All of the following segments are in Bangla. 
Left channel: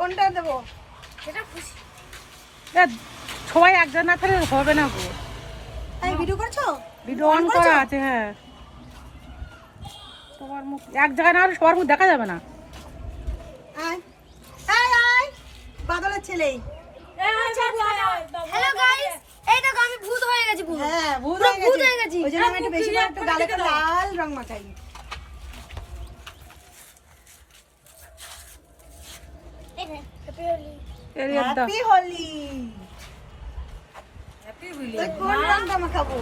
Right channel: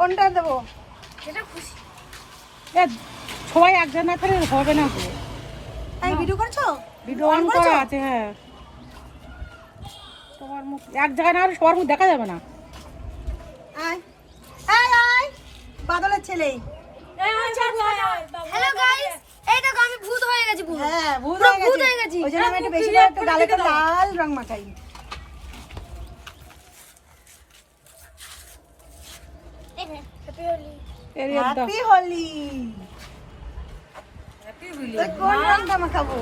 কোনটা দেবো? সবাই একজন না থাকলে হবে না তো। তাই ভিডিও করছো? ভিডিও অন করা আছে, হ্যাঁ। এক জায়গায় না হলে সবার মুখ দেখা যাবে না। বাদলের ছেলে। হ্যালো গাইস, এই দেখো আমি ভূত হয়ে গেছি। হ্যাঁ, ভূত হয়ে গেছি। ওই জন্য আমি একটু বেশি করে একটু গালে লাল রং মাখাই। হ্যাপি হোলি। কোন রংটা মাখাবো?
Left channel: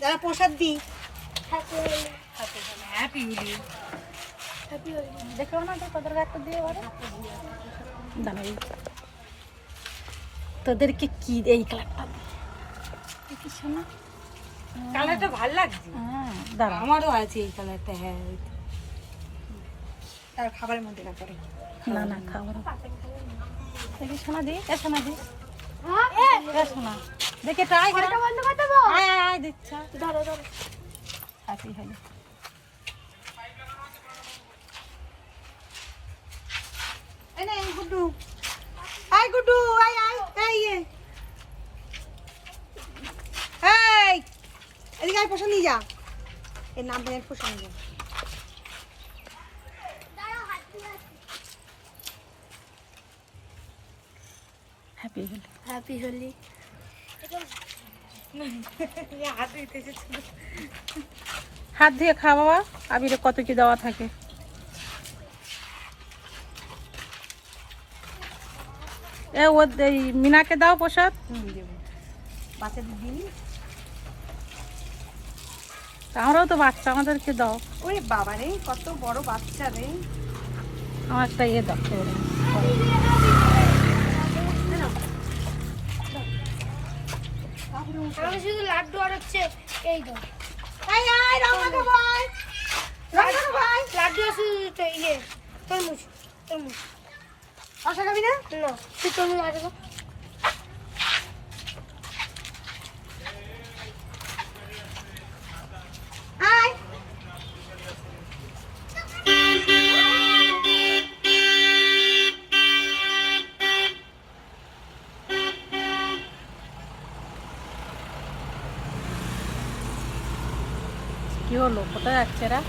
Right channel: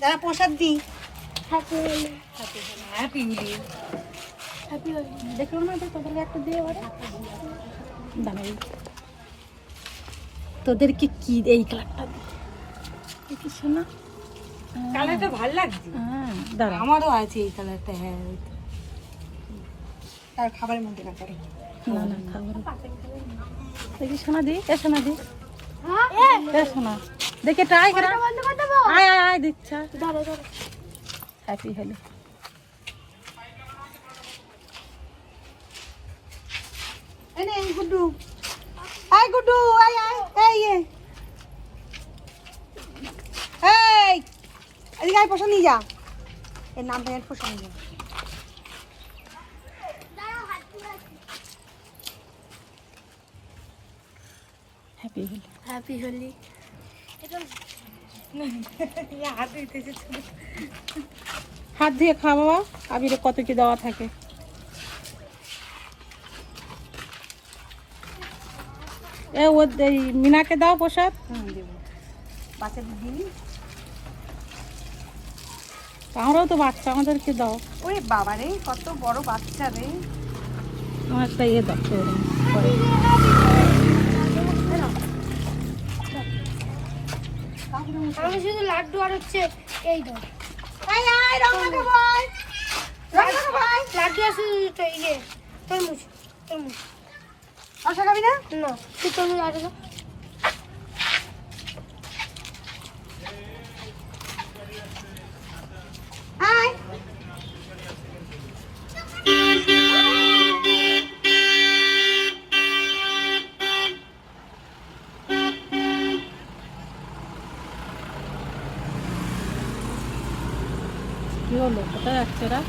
দাদা প্রসাদ দি। হ্যাপি হোলি। দেখো না তো তোদের একটা দিয়ে তোদেরকে কি এই কালারটা কি শোনা? কালারটা ভালো লাগছে। হ্যাঁ, দাঁড়া, আমারও আছে এই কালারটা। হ্যাঁ, তার খাবারের মধ্যে না করে। না না খাবার এই শোনা দি, এ শোনা দি, এ শোনা দেখে ট্রাই করা। আয় আয় আয় দিচ্ছা। হ্যাপি হোলি। এনে গুড্ডু, আয় গুড্ডু, আয় আয়, এই এই এদিকে আয়, পোষা নিয়ে যা। এর নাম ধরে পোষা নিয়ে যা। হ্যাপি হোলি। হ্যাপি হোলি। হাত দিয়ে খা বাবা, আবিরে কত কি দেওয়া থাকে। এ ও মিনাকে দাও প্রসাদ। বাচ্চাদের দিই। আমরাও তো বাচ্চা, আমাদেরকে দাও। ওরে বাবা রে, কত বড় বাচ্চা রে। আমারটা ইয়ে দাও এরকম করে। আমি শুধু লাড্ডু আর হচ্ছে এই দেবো। আয় আয়, রং মাখাবো, আয়। রং মাখাবো, আয়। লাড্ডু আছে তো ইয়ে তরমুজ। আশা খাবি না? না, তুই তরমুজ আছে তো? আয়। কি হলো, কোথায় যাচ্ছে এরা?